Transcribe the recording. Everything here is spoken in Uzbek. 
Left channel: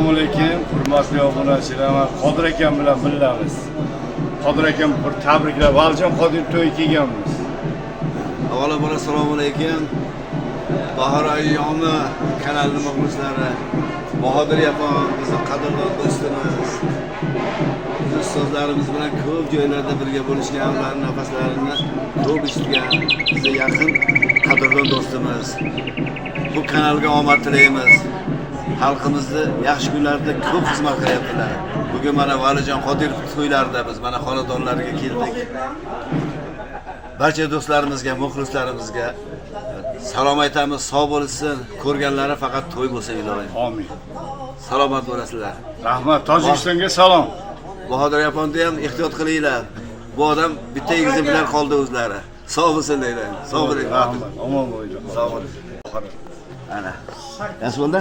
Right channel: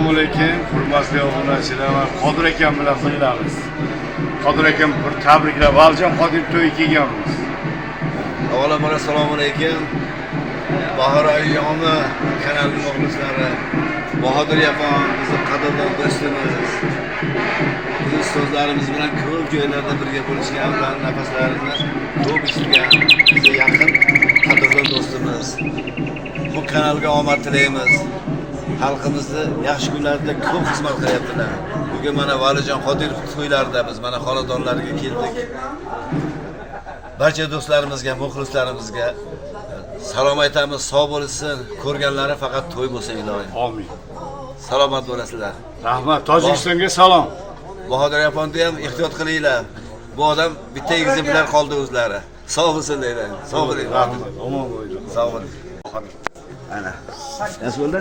Assalomu alaykum, hurmatli obunachilar. Men Qodir akam bilan birgamiz. Qodir akam bir tabriklab, Valijon Qodir to'y kelganmiz. Avvalambor assalomu alaykum. Bahor ayyomi kanalining muxlislari, Bahodir yapon bizning qadrli do'stimiz. Biz so'zlarimiz bilan ko'p joylarda birga bo'lishgan, ularning nafaslarini ko'p eshitgan, bizga yaqin qadrli do'stimiz. Bu kanalga omad tilaymiz. Xalqimizni yaxshi kunlarda ko'p xizmat qilyaptilar. Bugun mana Valijon Qodirov to'ylarida biz mana xonadonlariga keldik. Barcha do'stlarimizga, muxlislarimizga salom aytamiz, sog' bo'lsin. Ko'rganlari faqat to'y bo'lsin ilohim. Amin. Salomat bo'lasizlar. Rahmat, Tojikistonga salom. Bahodir yaponni ham ehtiyot qilinglar. Bu odam bitta egizi bilan qoldi o'zlari. Sog' bo'lsin deyman. Sog' bo'ling. Rahmat, omon bo'ling. Sog' bo'ling. Ana. Yaxshi bo'ldi?